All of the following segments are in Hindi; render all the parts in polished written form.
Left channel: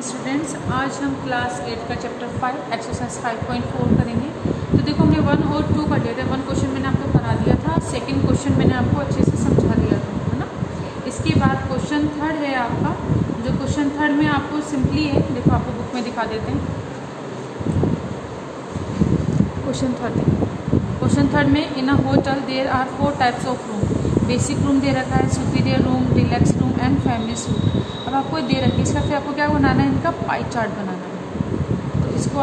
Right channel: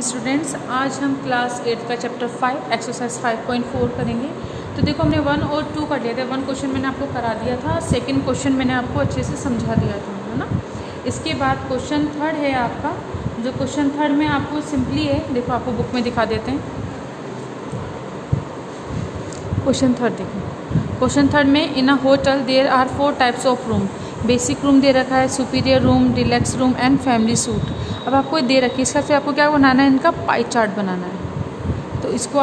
मॉर्निंग स्टूडेंट्स, आज हम क्लास 8 का चैप्टर 5 एक्सरसाइज 5.4 करेंगे। तो देखो हमने 1 और 2 कर लिया था। 1 क्वेश्चन मैंने आपको करा दिया था, सेकंड क्वेश्चन मैंने आपको अच्छे से समझा दिया था, है ना। इसके बाद क्वेश्चन थर्ड है आपका। जो क्वेश्चन थर्ड में आपको सिंपली है, देखो आपको बुक में दिखा देते हैं। क्वेश्चन थर्ड देखो, क्वेश्चन थर्ड में in a hotel there are 4 types of room. Basic room दे रखा है, superior room, deluxe room and family suite. अब आपको दे रखी है, इसका फिर आपको क्या बनाना है, इनका पाई चार्ट बनाना है। तो इसको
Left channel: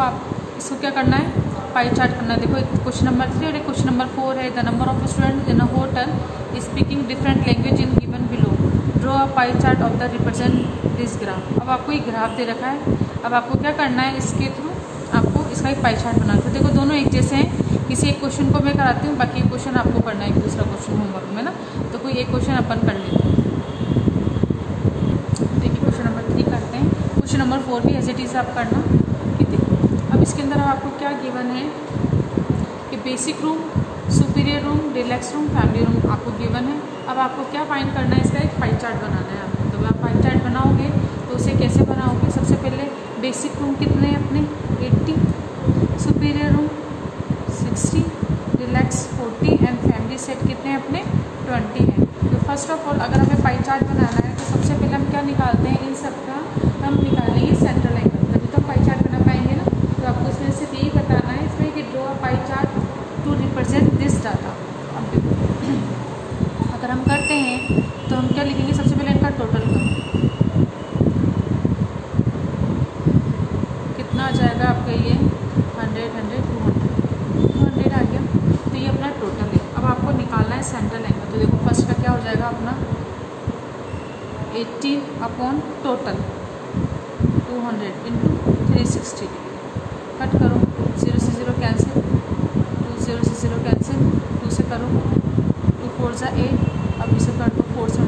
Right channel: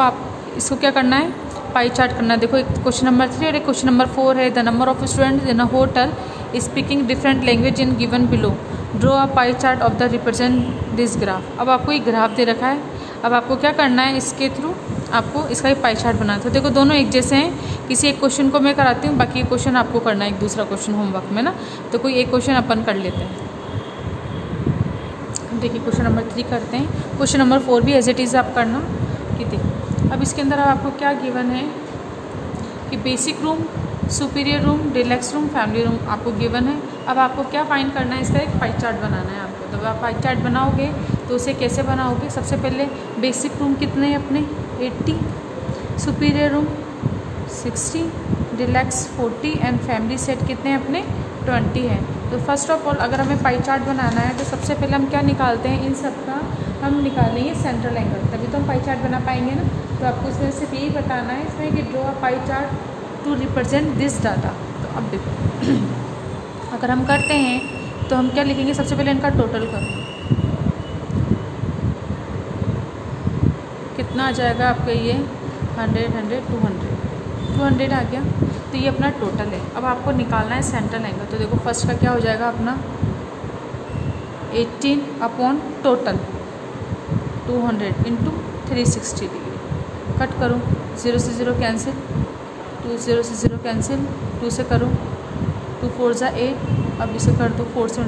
क्या करना है, पाई चार्ट करना है। देखो एक क्वेश्चन नंबर 3 और एक क्वेश्चन नंबर 4 है। The number of student in a hotel speaking different language in given below, draw a pie chart of the represent this graph. अब आपको एक ग्राफ दे रखा है, अब आपको क्या करना है, इसके थ्रू आपको इसका एक पाई चार्ट बनाना है। तो देखो दोनों एक जैसे हैं, किसी एक क्वेश्चन को मैं कराती हूँ, बाकी क्वेश्चन आपको करना है, एक दूसरा क्वेश्चन होमवर्क में ना। तो कोई एक क्वेश्चन अपन कर लेते हैं। देखिए क्वेश्चन नंबर 3 करते हैं। क्वेश्चन नंबर 4 भी एज इट इज़ आप करना कि देखो अब इसके अंदर आपको क्या गिवन है कि basic room, superior room, deluxe room, family room आपको गिवन है। अब आपको क्या फाइंड करना है, इसका एक पाई चार्ट बनाना है आपको। जब आप पाई चार्ट बनाओगे तो उसे कैसे बनाओगे, सबसे पहले बेसिक रूम कितने हैं अपने 80, superior room 60, deluxe 40 and family set कितने हैं अपने 20 है। तो फर्स्ट ऑफ ऑल अगर हमें पाई चार्ट बनाना है तो सबसे पहले हम क्या निकालते हैं, इन सब का हम निकालेंगे सेंट्रल एंगल, तभी तो हम पाई चार्ट बना पाएंगे ना। तो आपको इसमें सिर्फ यही बताना है इसमें कि draw pie chart to represent this data. अब देखो अगर हम करते हैं तो हम क्या लिखेंगे, सबसे पहले इनका टोटल का कितना आ जाएगा आपका, ये 100 100 200 आ गया। तो ये अपना टोटल है। अब आपको निकालना है सेंट्रल एंगल। तो देखो फर्स्ट का क्या हो जाएगा अपना 18 upon total 200 into 360 degree. Cut करो, 0 से 0 कैंसिल, 2 0 से 0 कैंसिल, 2 से करो 2 4 जा 8। अब इसे कर दो 4 से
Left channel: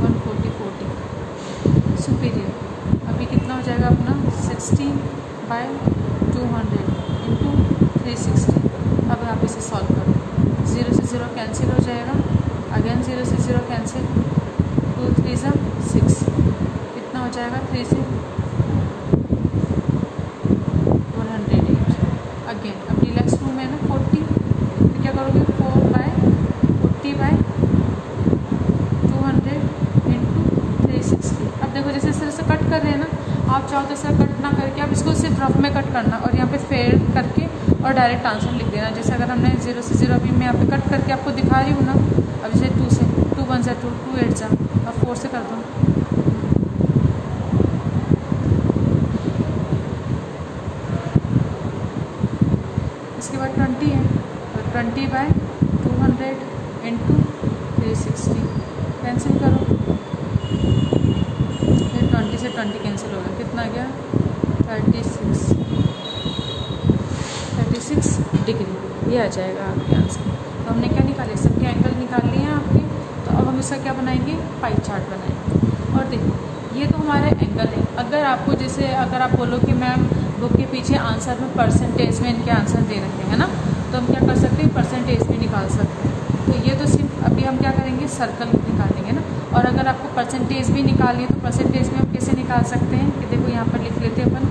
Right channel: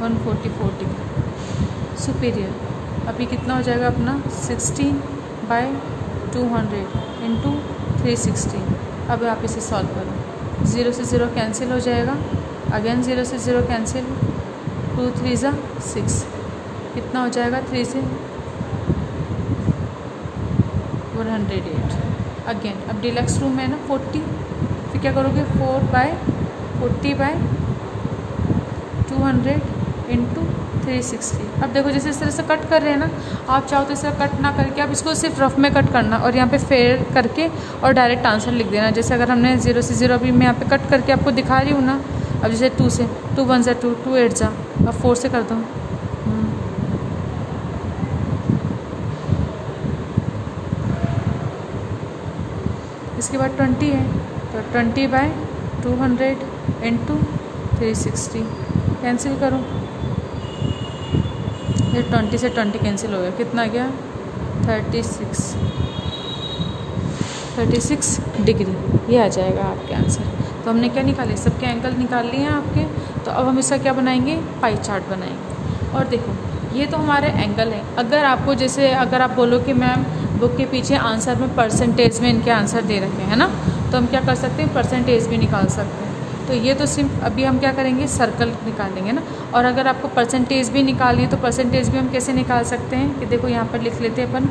144 डिग्री। सुपीरियर अभी कितना हो जाएगा अपना 16/200 इंटू 360। अब आप इसे सॉल्व करो, 0 से 0 कैंसिल हो जाएगा, अगेन 0 से 0 कैंसिल, 2 3 जा 6, कितना हो जाएगा 3 से 108। अगेन अब डिलक्स रूम है ना 40, फिर क्या करोगे 4/40/200 इंटू 360। अब देखो जैसे इस तरह से कट कर रहे हैं ना, आप चाहो तो इस तरह कट ना करके आप इसको सिर्फ रफ में कट करना और यहाँ पे फेयर करके और डायरेक्ट आंसर लिख देना। जैसे अगर हमने 0 से 0 अभी मैं यहाँ पे कट करके आपको दिखा रही हूँ ना। अब जैसे 2 से 2 1 जा 2 2 8 जा और 4 से कर दो। इसके बाद 20 है तो 20/200 इंटू 360 कैंसिल करो, फिर 20 से 20 कैंसिल हो गया, कितना आ गया 36 डिग्री। ये आ जाएगा आपके आंसर। तो हमने क्या निकाले, सबके एंगल निकाल लिए हैं आपके। तो अब हम इसका क्या बनाएंगे, पाई चार्ट बनाएंगे। और देखो ये तो हमारे एंगल है। अगर आपको जैसे अगर आप बोलो कि मैम बुक के पीछे आंसर में परसेंटेज में इनके आंसर दे रखे हैं ना, तो हम क्या कर सकते हैं, परसेंटेज भी निकाल सकते हैं। तो ये तो सिर्फ अभी हम क्या करेंगे, सर्कल निकालेंगे ना। और अगर आपको परसेंटेज भी निकालनी है तो परसेंटेज भी हम कैसे निकाल सकते हैं कि देखो यहाँ पर लिख लेते हैं अपन।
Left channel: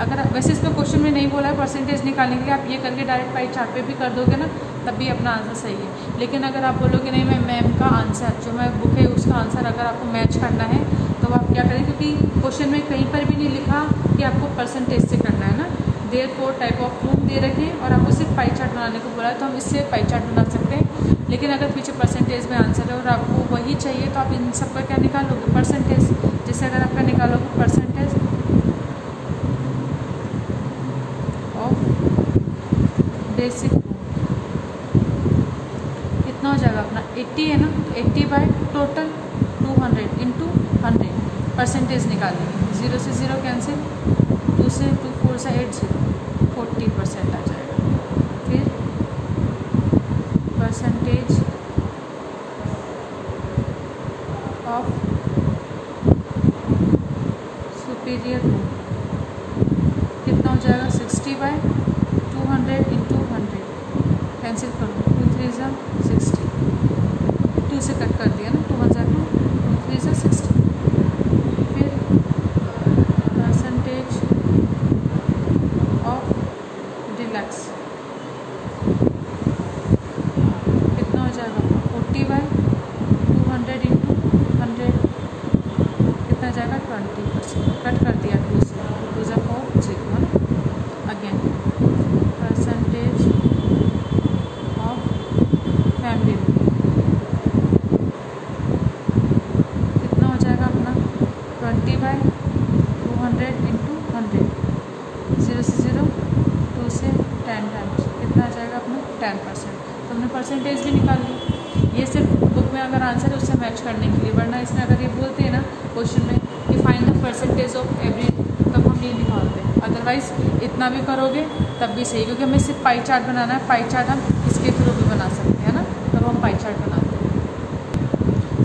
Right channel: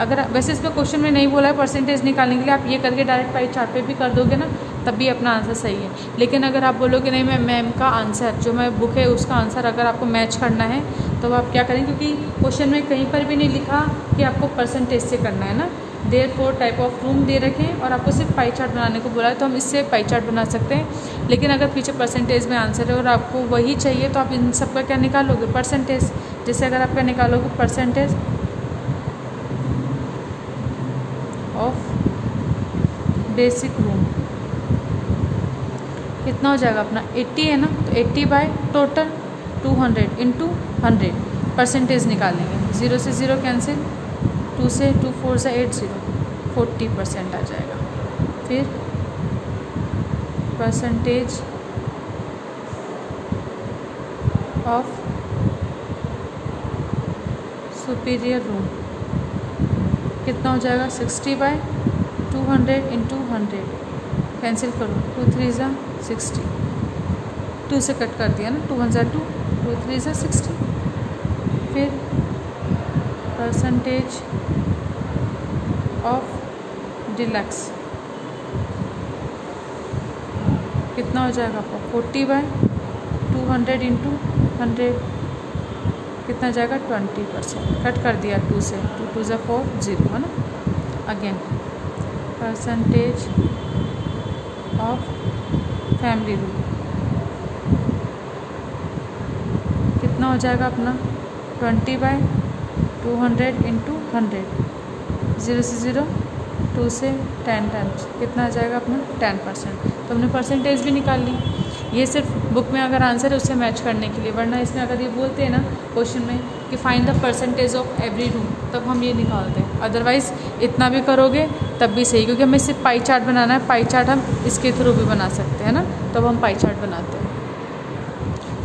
अगर वैसे इसमें क्वेश्चन में नहीं बोला है परसेंटेज निकालने के लिए, आप ये करके डायरेक्ट पाई चार्ट पे भी कर दोगे ना, तब भी अपना आंसर सही है। लेकिन अगर आप बोलोगे नहीं मैं मैम का आंसर जो मैं बुक है उसका आंसर अगर आपको मैच करना है तो आप क्या करें, क्योंकि क्वेश्चन में कहीं पर भी नहीं लिखा कि आपको परसेंटेज से करना है ना। देयर 4 टाइप ऑफ रूम दे रखे और आपको सिर्फ पाई चार्ट बनाने को बोला है, तो हम इससे पाई चार्ट बना सकते हैं। लेकिन अगर पीछे परसेंटेज में आंसर है और आपको वही चाहिए तो आप इन सब का क्या निकालोगे, परसेंटेज। जैसे अगर आप क्या निकालोगे, परसेंटेज ऑफ बेसिक रूम कितना हो जाएगा अपना 80 है ना, तो 80 बाय टोटल 200 इंटू 100 परसेंटेज निकालेंगे। 0 से 0 कैंसिल, 2 से 2 4 से 8 0 40% आ जाएगा। फिर परसेंटेज ऑफ सुपीरियर रूम कितना हो जाएगा 60/200 इंटू 100 कैंसिल करो, 2 3 जा 60, 2 से कट कर दिया ना, 2 1 जा 2 2 3 जा 60। फिर परसेंटेज ऑफ डिलक्स कितना हो जाएगा आपका 40/200 इंटू 100 कितना जाएगा 20%। कट कर दिया 2 से, 2 × 4 0 है ना। Again percentage of family room कितना हो जाएगा अपना 20/200 इंटू 100 0 से 0 2 से 10 टाइम्स कितना आ जाएगा अपना 10%। तो हमने परसेंटेज भी निकाल ली। ये सिर्फ बुक में अगर आंसर है उससे मैच करने के लिए, वरना इसमें अगर ये बोलते हैं ना क्वेश्चन में कि find the percentage of every room, तब हम ये निकालते हैं। अदरवाइज़ इतना भी करोगे तब भी सही, क्योंकि हमें सिर्फ पाई चार्ट बनाना है। पाई चार्ट हम इसके थ्रू भी बना सकते हैं ना, तब हम पाई चार्ट बनाते हैं।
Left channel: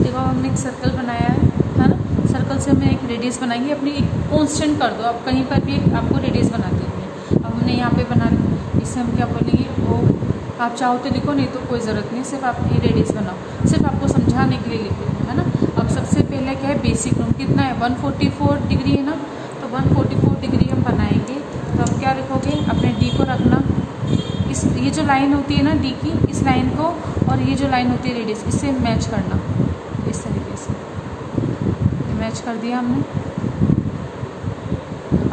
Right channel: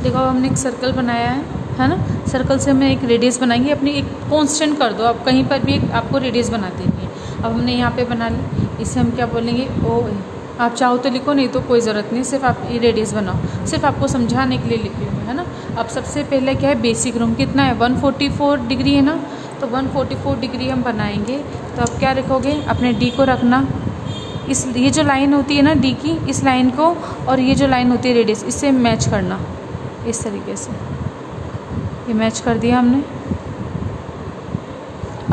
देखो हमने एक सर्कल बनाया है ना। सर्कल से हमें एक रेडियस बनाएंगे अपनी, एक कांस्टेंट कर दो आप कहीं पर भी, एक आपको रेडियस बना देंगे। अब हमने यहाँ पे बना ली, इसे हम क्या बोलेंगे ओ। आप चाहो तो लिखो, नहीं तो कोई ज़रूरत नहीं, सिर्फ आप ये रेडियस बनाओ, सिर्फ आपको समझाने के लिए लिखे हुए है ना। अब सबसे पहले क्या है बेसिक रूम कितना है 144 डिग्री है ना, तो 144 डिग्री हम बनाएंगे। तो अब क्या रखोगे अपने डी को रखना, इस ये जो लाइन होती है ना डी की, इस लाइन को और ये जो लाइन होती है रेडियस, इससे मैच करना इस तरीके से। ये मैच कर दिया हमने।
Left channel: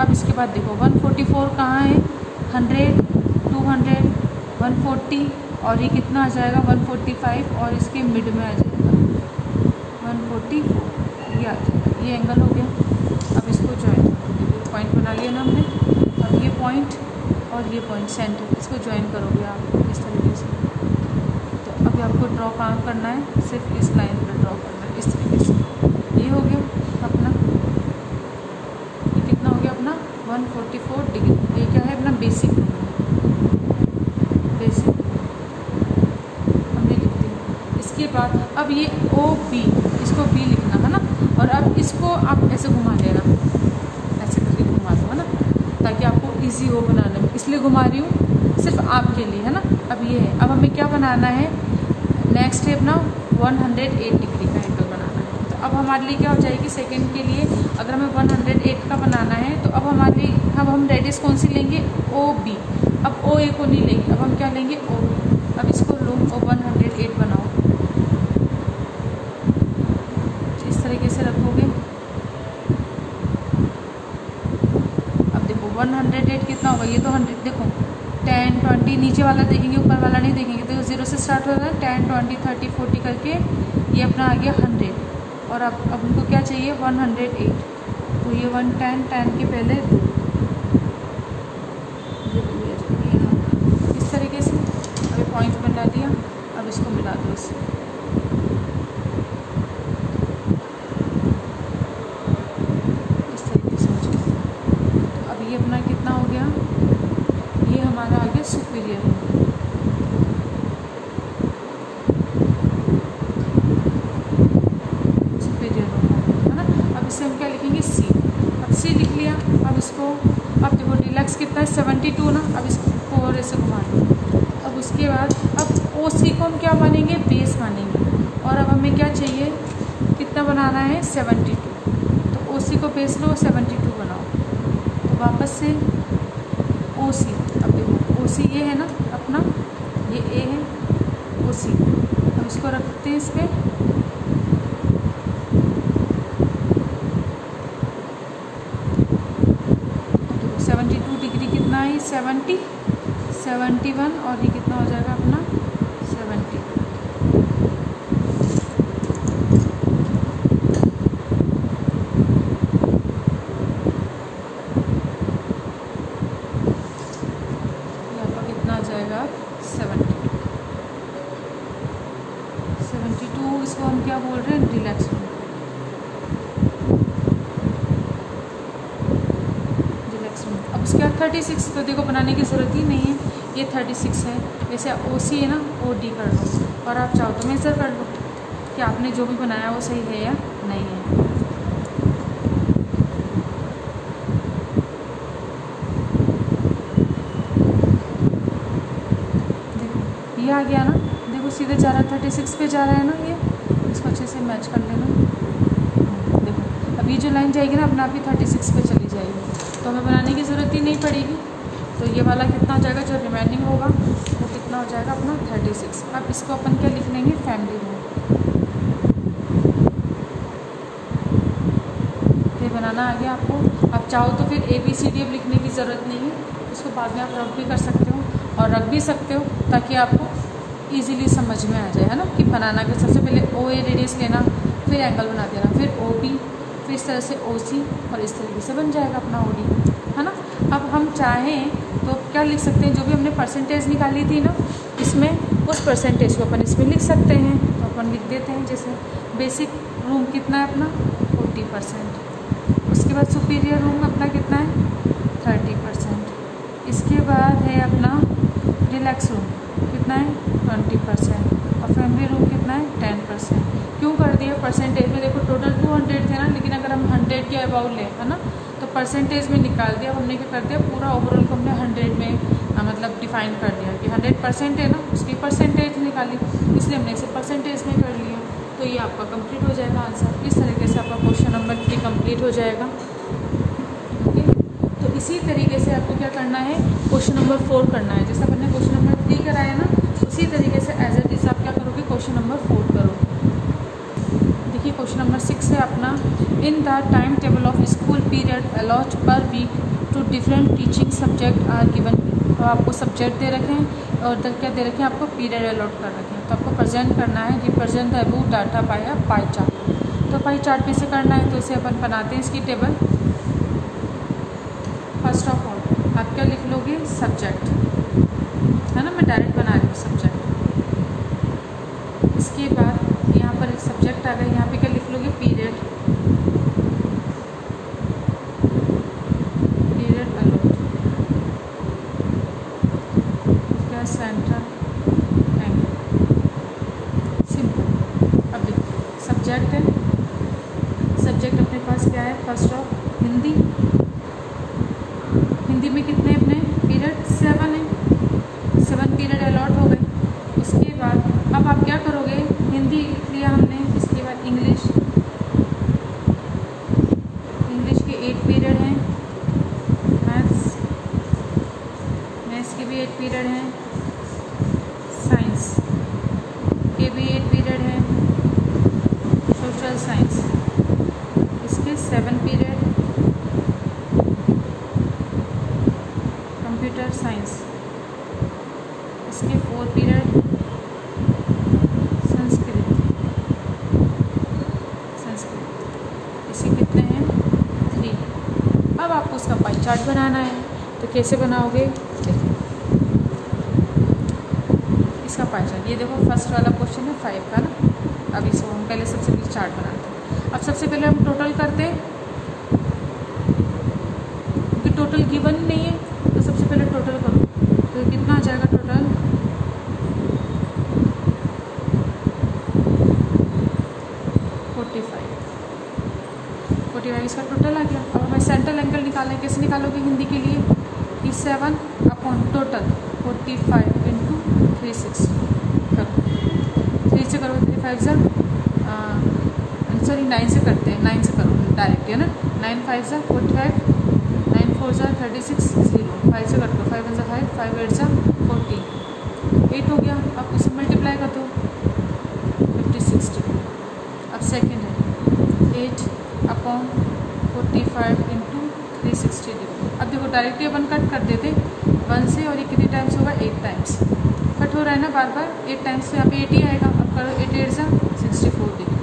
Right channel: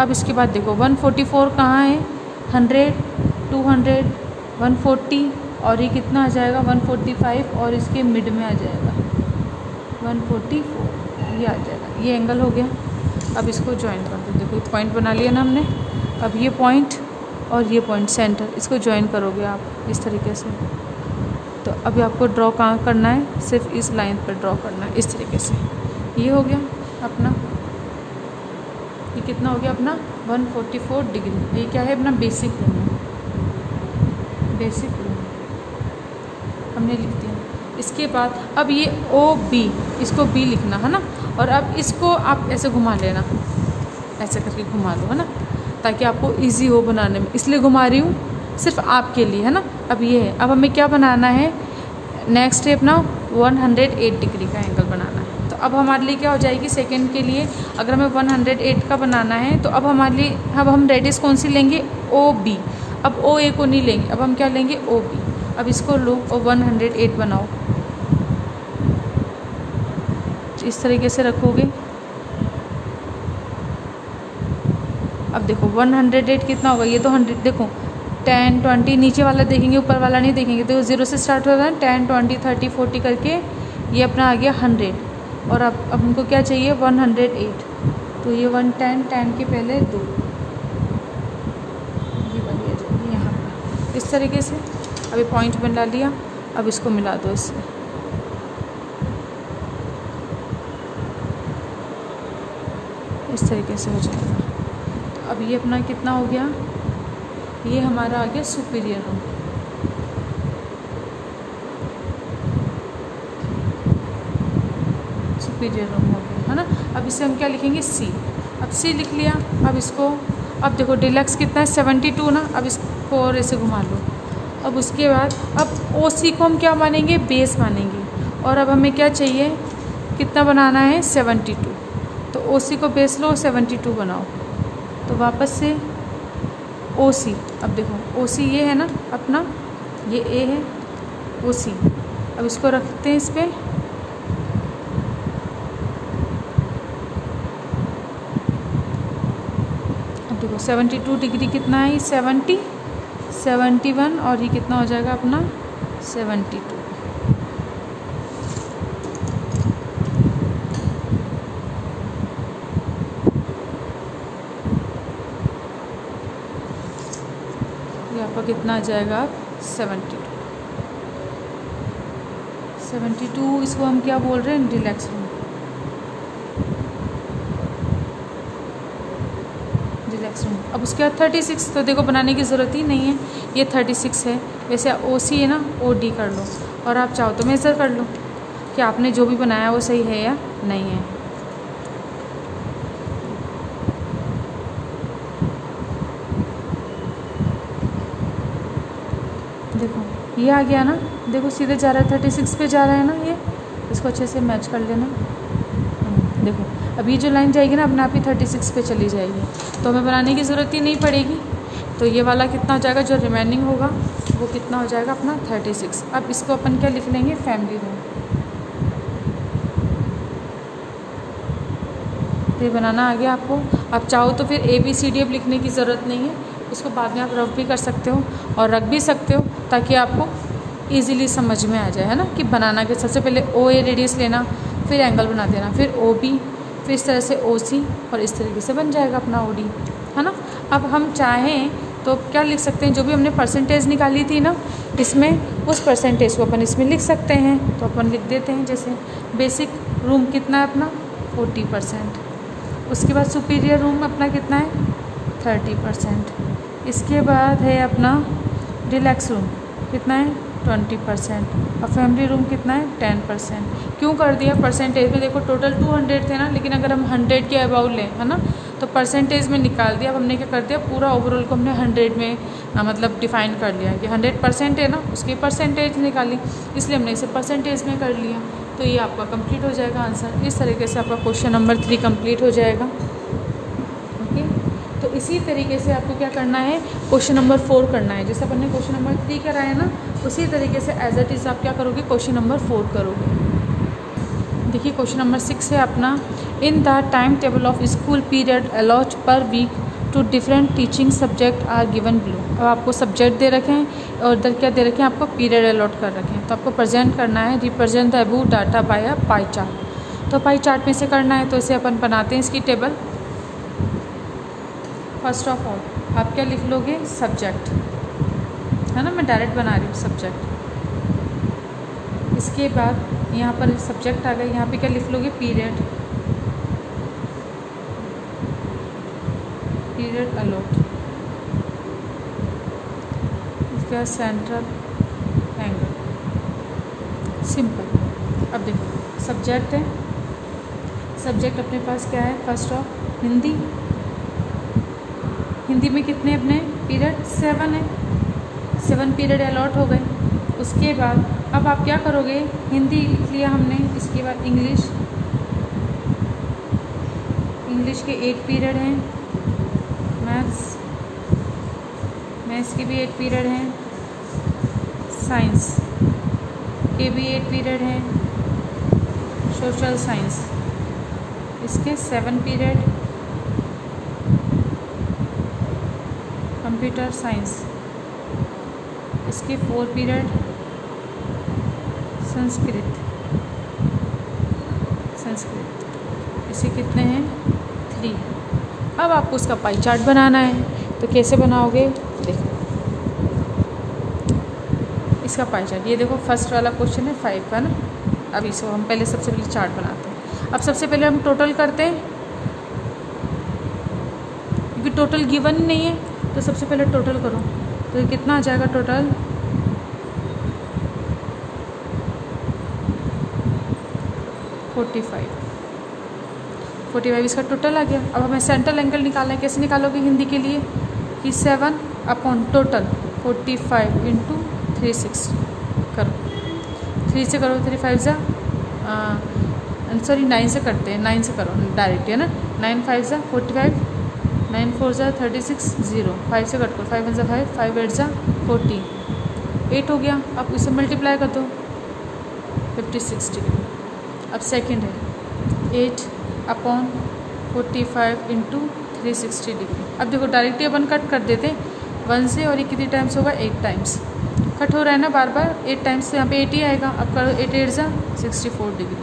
अब इसके बाद देखो 144 कहाँ है 100 200 140 और ये कितना आ जाएगा 145 और इसके मिड में आ जाएगा 144 ये आ जाएगा। ये एंगल हो गया। अब इसको ज्वाइन कर दो। देखो पॉइंट बना लिया ना हमने। अब ये पॉइंट और ये पॉइंट सेंटर, इसको ज्वाइन करोगे आप इस तरीके से। तो अभी आपको ड्रॉ कहाँ करना है, सिर्फ इस लाइन पर ड्रॉ करना है इस तरीके से। ये हो गया अपना, ये कितना हो गया अपना 144 डिग्री। ये क्या है अपना बेसिक रूम, बेसिक हमने लिख दिया। इसके बाद अब ये ओ बी, इसको बी लिखना है ना। और अब इसको आप ऐसे घुमा लेना, ऐसे करके घुमा दो है ना, ताकि आपको इजी हो बनाने में, इसलिए घुमा रही हूँ सिर्फ आपके लिए है ना। अब ये है, अब हमें क्या बनाना है नेक्स्ट स्टेप ना 108 डिग्री का एंगल बनाना है। तो अब हमारे लिए क्या हो जाएगी सेकंड के लिए, अगर हमें 108 का बनाना है तो अब हमारे लिए अब हम रेडियस कौन सी लेंगे ओ बी। अब ओ ए को नहीं लेंगे, अब हम क्या लेंगे ओ बी। अब इसको लो और 108 बनाओ, इस तरीके से रखोगे। अब देखो 108 कितना होगा, ये तो 100 देखो 10 20 नीचे वाला देखेंगे ऊपर वाला नहीं देखेंगे। तो 0 से स्टार्ट हो रहा है 10 20 30 40 करके ये अपना आ गया 100। और अब हमको क्या चाहिए 108। तो ये 110 10 के पहले 2 यहाँ इस तरीके से। अभी पॉइंट बना लिया, अब इसको मिला दो इससे। इस तरीके से हो जाएगा। तो अब ये अपना कितना हो गया, ये हमारा आ गया सुपीरियर रूम। सुपीरियर रूम है ना। अब इसे हम क्या लिखेंगे सी। अब सी लिख लिया। अब इसको अब देखो डिलक्स कितना है 72 ना। अब इसको और ऐसे घुमा लो। अब उसके बाद अब ओ सी को हम क्या मानेंगे बेस मानेंगे। और अब हमें क्या चाहिए कितना बनाना है 72। तो ओ सी को बेस लो 72 बनाओ। तो वापस से ओ सी। अब देखो ओ सी ये है ना अपना, ये ए है ओ सी। अब इसको रखते हैं इस पर। देखो 72 डिग्री कितना है 70 71 और ये कितना हो जाएगा अपना 72। कितना आ जाएगा 72। इसको हम क्या बोल रहे हैं रिलैक्स रूम। Relax room. अब उसके बाद 36 तो देखो बनाने की ज़रूरत ही नहीं है, ये 36 है। वैसे ओ सी है ना ओ डी कर लो और आप चाहो तो मेजर कर लो कि आपने जो भी बनाया वो सही है या नहीं है। ये आ गया ना, देखो सीधे जा रहा है 36 पे जा रहा है ना। ये इसको अच्छे से मैच कर लेना। देखो अब अब ये जो लाइन जाएगी ना अपने आप ही 36 पे चली जाएगी, तो हमें बनाने की ज़रूरत ही नहीं पड़ेगी। तो ये वाला कितना हो जाएगा, जो रिमेनिंग होगा वो कितना हो जाएगा अपना 36। अब इसको अपन क्या लिख लेंगे, फैमिली रूम। ये बनाना आ गया आपको। आप चाहो तो फिर ABCD अब लिखने की ज़रूरत नहीं है, उसको बाद में आप रफ भी कर सकते हो और रख भी सकते हो, ताकि आपको ईज़िली समझ में आ जाए, है ना, कि बनाना के सबसे पहले OA रेडियस लेना, फिर एंगल बना देना, फिर OB, फिर इस तरह से OC, और इस तरीके से बन जाएगा अपना OD, है ना। अब हम चाहें तो क्या लिख सकते हैं, जो भी हमने परसेंटेज निकाली थी ना इसमें, उस परसेंटेज को अपन इसमें लिख सकते हैं। तो अपन लिख देते हैं, जैसे बेसिक रूम कितना है अपना 40%, उसके बाद सुपीरियर रूम अपना कितना है 30%, इसके बाद है अपना रिलैक्स रूम कितना है 20%, और फैमिली रूम कितना है 10%। क्यों कर दिया परसेंटेज में, देखो टोटल 200 थे ना, लेकिन अगर हम 100 के अबाउट लें, है ना, तो परसेंटेज में निकाल दिया। अब हमने क्या कर दिया, पूरा ओवरऑल को हमने 100 में मतलब डिफाइन कर लिया कि 100% है ना, उसकी परसेंटेज निकाली, इसलिए हमने इसे परसेंटेज में कर लिया। तो ये आपका कंप्लीट हो जाएगा आंसर। इस तरीके से आपका क्वेश्चन नंबर 3 कंप्लीट हो जाएगा। ओके, तो इसी तरीके से आपको क्या करना है, क्वेश्चन नंबर 4 करना है। जैसा आपने क्वेश्चन नंबर 3 कराया ना, उसी तरीके से एज इट इज़ आप क्या करोगे, क्वेश्चन नंबर 4 करोगे। देखिए क्वेश्चन नंबर 6 है अपना, in the time table of school period allot per week to different teaching subject are given be. और आपको सब्जेक्ट दे रखे हैं और इधर क्या दे रखे हैं, आपको पीरियड अलॉट कर रखे हैं। तो आपको प्रेजेंट करना है, represent the above data by a pie chart. तो पाई चार्ट में से करना है, तो इसे अपन बनाते हैं इसकी टेबल। फर्स्ट ऑफ ऑल आप क्या लिख लोगे, सब्जेक्ट, है ना, मैं डायरेक्ट बना रही हूँ सब्जेक्ट। इसके बाद यहाँ पर सब्जेक्ट आ गया, यहाँ पे क्या लिख लोगे, पीरियड, पीरियड अलॉट, इसके बाद सेंट्रल एंगल, सिंपल। अब देखो सब्जेक्ट है, सब्जेक्ट अपने पास क्या है, फर्स्ट ऑफ हिंदी, हिंदी में कितने अपने पीरियड 7 है, 7 पीरियड अलॉट हो गए। उसके बाद अब आप क्या करोगे, हिंदी लिख लिया हमने, इसके बाद इंग्लिश, इंग्लिश के 8 पीरियड हैं, मैथ्स, मैथ्स के भी 8 पीरियड हैं, साइंस के भी 8 पीरियड हैं, सोशल साइंस इसके 7 पीरियड, कंप्यूटर साइंस इसके 4 पीरियड, संस्कृत, संस्कृत इसे कितने हैं 3। अब आपको उसका पाई चार्ट बनाना है, तो कैसे बनाओगे, देखो इसका पाई चार्ट, ये देखो फर्स्ट वाला क्वेश्चन है 5 का ना। अब इसको हम पहले सबसे पहले चार्ट बनाते हैं। अब सबसे पहले हम टोटल करते हैं, क्योंकि टोटल गिवन नहीं है, तो सबसे पहले टोटल करो। तो ये कितना आ जाएगा टोटल, 45 इसका टोटल आ गया। अब हमें सेंट्रल एंगल निकालना है, कैसे निकालोगे हिंदी के लिए, कि 7 अपॉन टोटल 45 इंटू 360 करो, 3 से करो, 3 5 जा सॉरी 9 से करते हैं, 9 से करो डायरेक्ट, है ना, 9 5 जा 45, 9 4 जा 36, 0 5 से करो, 5 1 जा 5, 5 8 जा 14, 8 हो गया। अब इसे मल्टीप्लाई कर दो 56 डिग्री। अब सेकंड है 8 अपॉन 45 इंटू 360 डिग्री। अब देखो डायरेक्टली अपन कट कर देते 1 से, और ये कितने टाइम्स होगा, 8 टाइम्स कट हो रहा है ना बार बार, 8 टाइम्स से यहाँ पे 80 आएगा। अब करो 8 8 जा 64 डिग्री,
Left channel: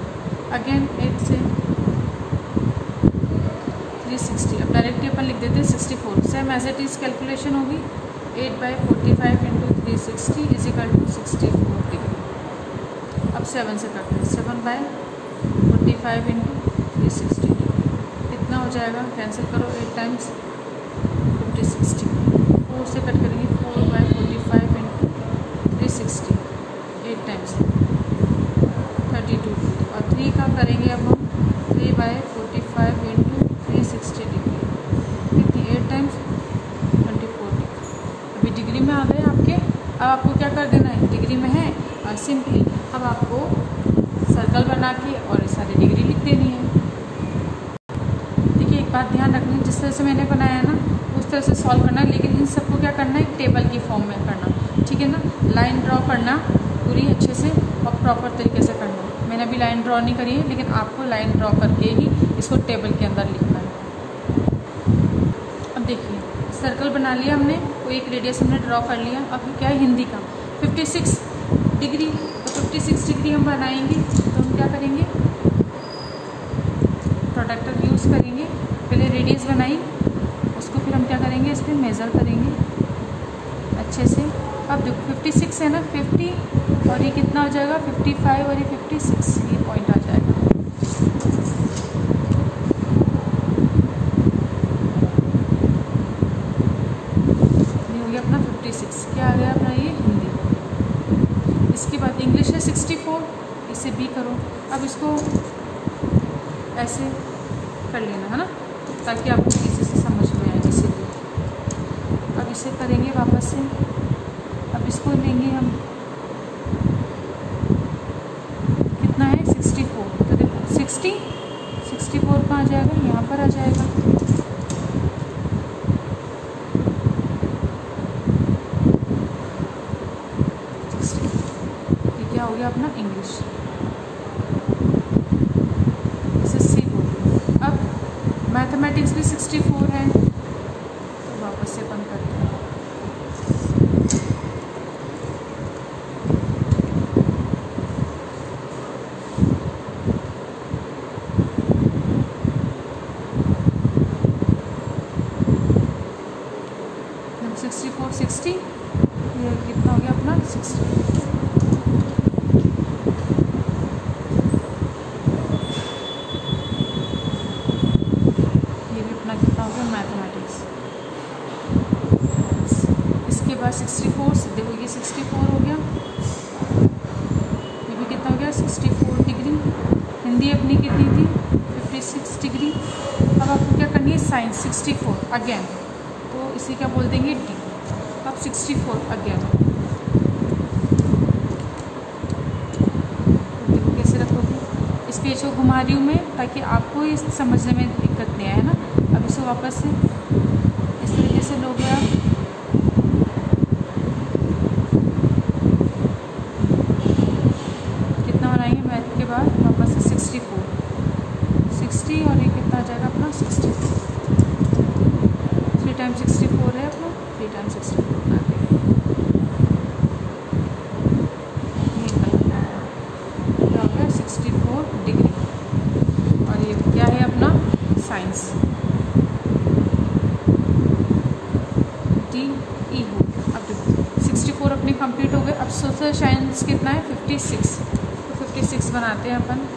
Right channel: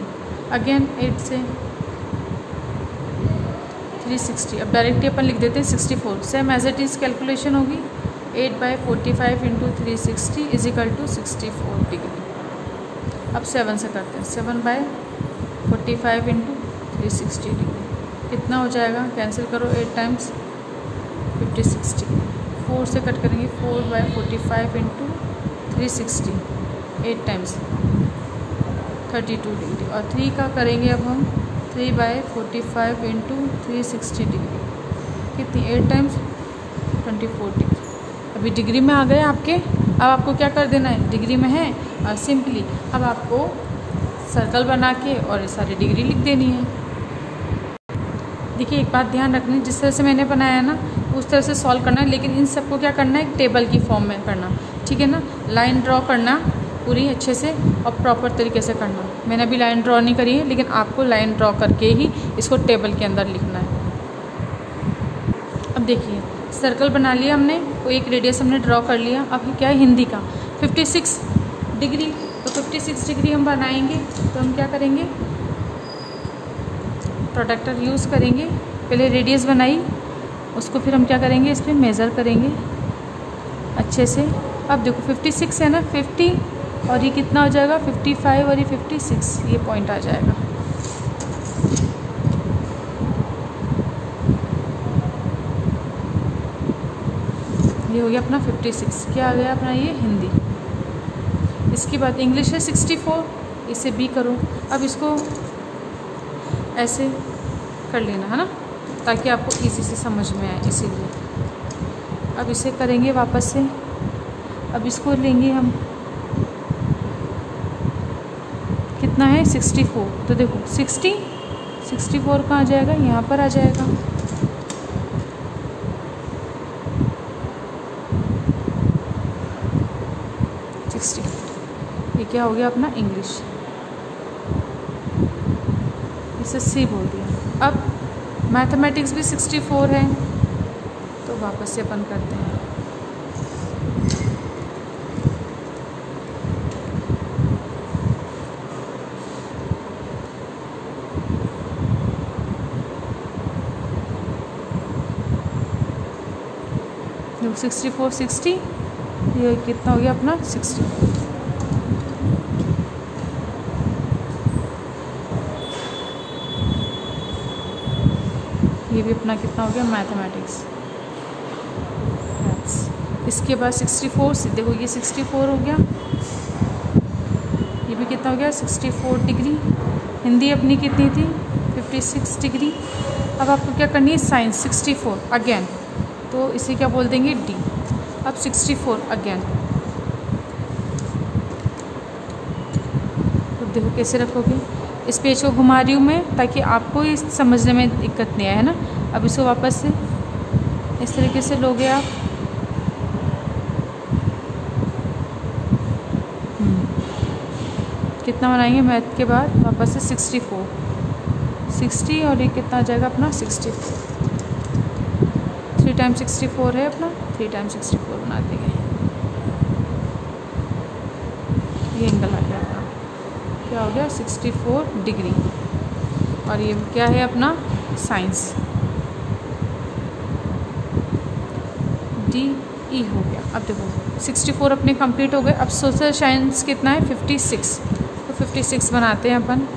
अगेन 8 से 360। अब डायरेक्टली अपन लिख देते हैं 64, same as it is calculation होगी, 8/45 into 360 is equal to 64 degree. अब 7 से करते हैं, 7/45 इंटू 360 डिग्री कितना हो जाएगा, कैंसिल करो, 8 टाइम्स 50 60। 4 से कट करेंगे, 4/45 इंटू 360 8 टाइम्स 32 डिग्री। और 3 का करेंगे अब हम 3/45 इंटू 360 डिग्री कितनी, 8 टाइम्स 24 डिग्री। अभी डिग्री में आ गए आपके। अब आपको क्या कर देना है, डिग्री में है, और सिंपली अब आपको सर्कल बना के और ये सारी डिग्री लिख देनी है। देखिए एक बात ध्यान रखनी, जिस तरह से मैंने बनाया ना उस तरह से सॉल्व करना है, लेकिन इन सबको क्या करना है, टेबल की फॉर्म में करना, ठीक है ना। लाइन ड्रॉ करना पूरी अच्छे से और प्रॉपर तरीके से करना। मैंने अभी लाइन ड्रॉ नहीं करी है, लेकिन आपको लाइन ड्रॉ करके ही इसको टेबल के अंदर लिखना है। अब देखिए सर्कल बना लिया हमने, तो एक रेडियस हमने ड्रॉ कर लिया। अब क्या है हिंदी का 56 डिग्री, तो 56 डिग्री हम बनाएंगे तो हम क्या करेंगे, प्रोडक्टर यूज़ करेंगे। पहले रेडियस बनाई, उसको फिर हम क्या करेंगे, इस पर मेज़र करेंगे अच्छे से। अब देखो 56 है ना, 50 और ये कितना हो जाएगा 55 और ये 56, ये पॉइंट आ जाएगा। ये हो गया अपना 56। क्या आ गया अपना ये हिंदी। इसके बाद इंग्लिश है 64, इसे बी करो। अब इसको ऐसे कर लेना है ना, ताकि आपको इसी से समझ में आए, इसीलिए। अब इसे करेंगे वापस से। अब इसको लेंगे हम, कितना है 64, तो देखो 64 कहाँ आ जाएगा, यहाँ पर आ जाएगा। ये क्या हो गया अपना इंग्लिश, इसे सी बोलिए। अब मैथमेटिक्स भी 64 है, तो वापस से अपन करते हैं। देखो 64 60, ये कितना हो गया अपना 60। ये भी अपना कितना हो गया मैथमेटिक्स। इसके बाद 64 देखो, ये 64 हो गया, ये भी कितना हो गया 64 डिग्री। हिंदी अपनी कितनी थी 56 डिग्री। अब आपको क्या करनी है, साइंस 64 अगेन, तो इसे क्या बोल देंगे डी। अब 64 अगेन, तो देखो कैसे रखोगे, इस पेज को घुमा रही हूँ मैं ताकि आपको ये समझने में दिक्कत नहीं आए, है ना। अब इसको वापस से इस तरीके से लोगे आप। कितना बनाएंगे मैथ के बाद, वापस से 64 60 और ये कितना आ जाएगा अपना 64। 3 टाइम 64 है अपना, 3 टाइम 64 बना देंगे। ये एंगल आ गया, क्या हो गया 64 डिग्री। और ये क्या है अपना साइंस, डी ई हो गया। अब देखो 64 अपने कंप्लीट हो गए। अब सोशल साइंस कितना है 56, तो 56 बनाते हैं अपन।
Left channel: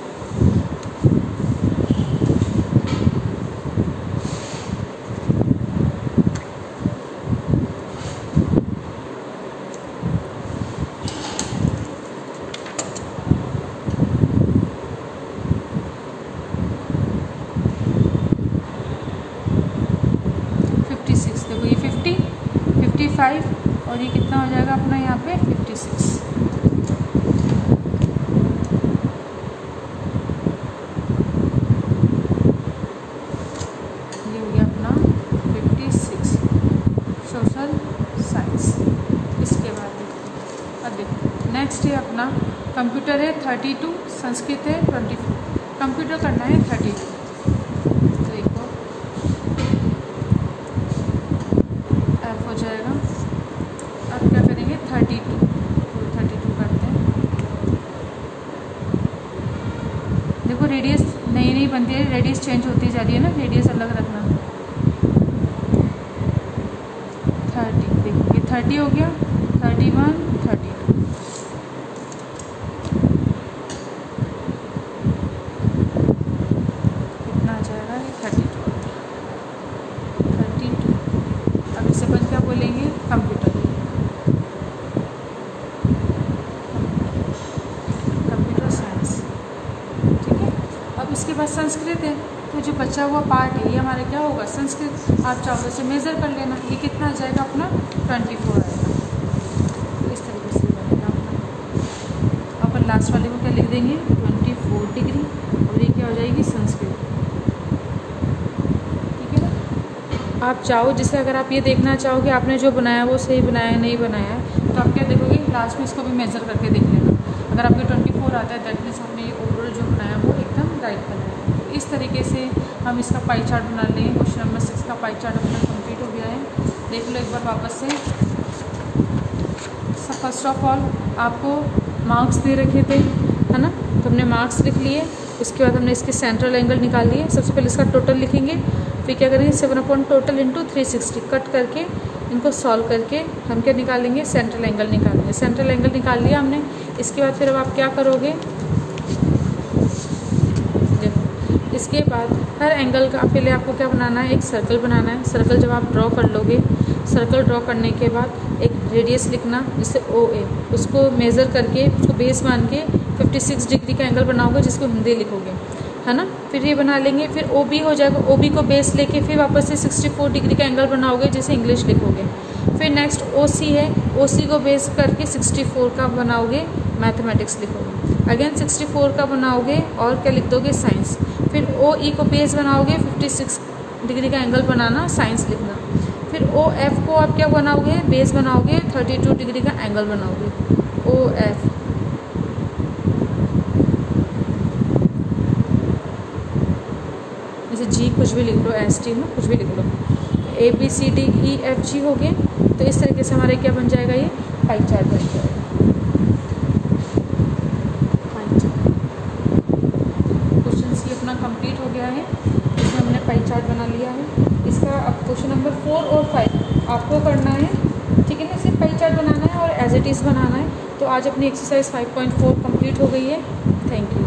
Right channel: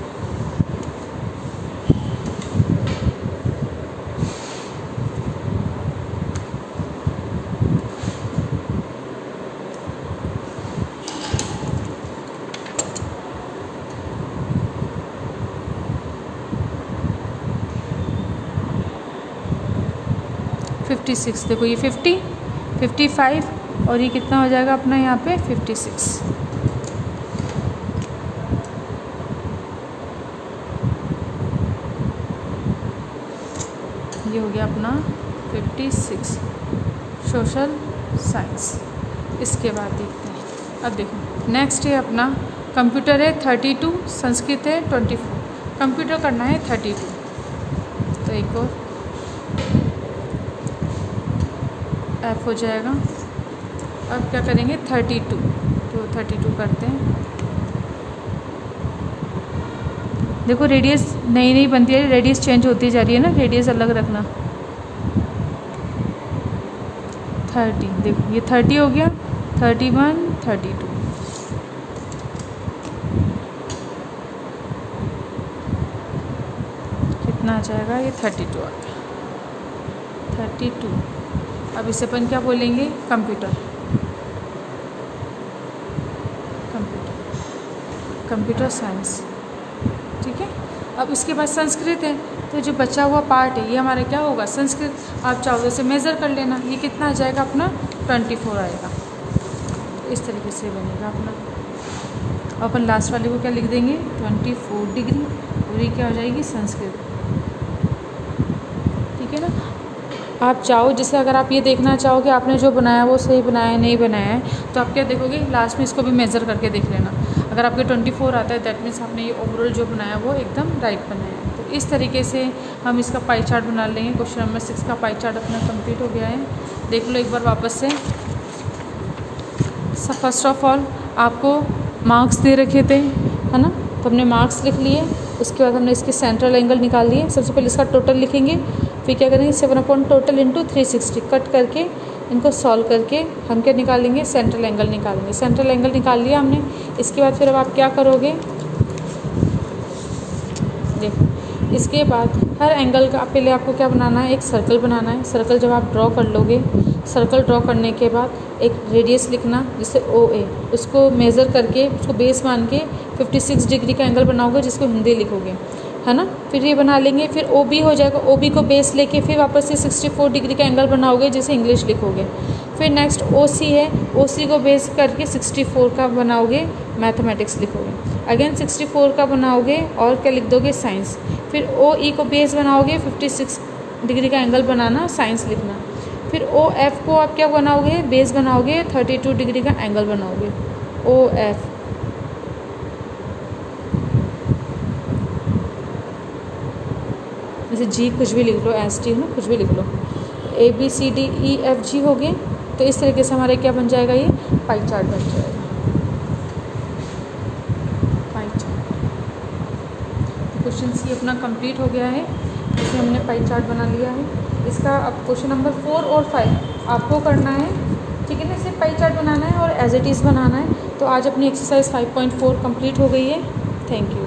देखो ये 50 55 और ये कितना हो जाएगा अपना यहाँ पे 56। ये हो गया अपना 56 सोशल साइंस। इसके बाद देखते हैं, अब देखो नेक्स्ट है अपना कंप्यूटर है 32, संस्कृत है 24। कंप्यूटर करना है 32, तो एक और हो जाएगा। अब क्या करेंगे 32, तो 32 करते हैं। देखो रेडियस नई नई बनती है, रेडियस चेंज होती जा रही है ना, रेडियस अलग रखना। 30 देखो ये 30 हो गया, 31 32। कितना आ जाएगा ये 32 आ गया 32। अब इसे अपन क्या बोलेंगे कंप्यूटर, कंप्यूटर साइंस, ठीक है। अब उसके बाद संस्कृत है, तो जो बचा हुआ पार्ट है ये हमारा क्या होगा संस्कृत। आप चाहो से मेज़र कर लेना, ये कितना आ जाएगा अपना 24 आएगा। तो इस तरीके से बनेगा अपना। अपन लास्ट वाले को क्या लिख देंगे 24 डिग्री, और ये क्या हो जाएगी संस्कृत। आप चाहो, जैसे अगर आप ये देखना चाहो कि आपने जो बनाया वो सही बनाया है नहीं बनाया है, तो आप क्या देखोगे, लास्ट में इसको भी मेज़र करके देख लेना। अगर आपके 24 आता है दैट मीन्स आपने ये ओवरऑल जो बनाया वो एकदम राइट बनाया है। तो इस तरीके से हम इसका पाई चार्ट बना लेंगे। क्वेश्चन नंबर 6 का पाई चार्ट अपना कंप्लीट हो गया है। देख लो एक बार वापस से। फर्स्ट ऑफ ऑल आपको मार्क्स दे रखे थे, है ना, तो हमने मार्क्स लिख लिए। उसके बाद हमने इसके सेंट्रल एंगल निकाल लिए। सबसे पहले इसका टोटल लिखेंगे, फिर क्या करेंगे 7 अपॉन टोटल इंटू 360 कट करके इनको सॉल्व करके हम क्या निकालेंगे, सेंट्रल एंगल निकालेंगे। सेंट्रल एंगल निकाल लिया हमने। इसके बाद फिर अब आप क्या करोगे, इसके बाद हर एंगल का पहले आपको क्या बनाना है, एक सर्कल बनाना है। सर्कल जब आप ड्रॉ कर लोगे, सर्कल ड्रॉ करने के बाद एक रेडियस लिखना जिससे OA, उसको मेज़र करके उसको बेस मान के 56 डिग्री का एंगल बनाओगे जिसको हिंदी लिखोगे, है ना। फिर ये बना लेंगे, फिर OB हो जाएगा। OB को बेस लेके फिर वापस से 64 डिग्री का एंगल बनाओगे जिसे इंग्लिश लिखोगे। फिर नेक्स्ट OC है, OC को बेस करके 64 का बनाओगे, मैथमेटिक्स लिखोगे। अगेन 64 का बनाओगे और क्या लिख दोगे, साइंस। फिर OE को बेस बनाओगे, 56 डिग्री का एंगल बनाना, साइंस लिखना। फिर OF को आप क्या बनाओगे, बेस बनाओगे, 32 डिग्री का एंगल बनाओगे, OF। जैसे G कुछ भी लिख लो, ST में कुछ भी लिख लो। ABCDEFG हो गए। तो इस तरीके से हमारे क्या बन जाएगा, ये पाई चार्ट बन जाएगा। पाई चार्ट क्वेश्चन सी अपना कंप्लीट हो गया है। इसमें हमने पाई चार्ट बना लिया है। इसका अब क्वेश्चन नंबर 4 और 5 आपको करना है, ठीक है ना। सिर्फ पाई चार्ट बनाना है और एज इट इज़ बनाना है। तो आज अपनी एक्सरसाइज 5.4 कंप्लीट हो गई है। Thank you.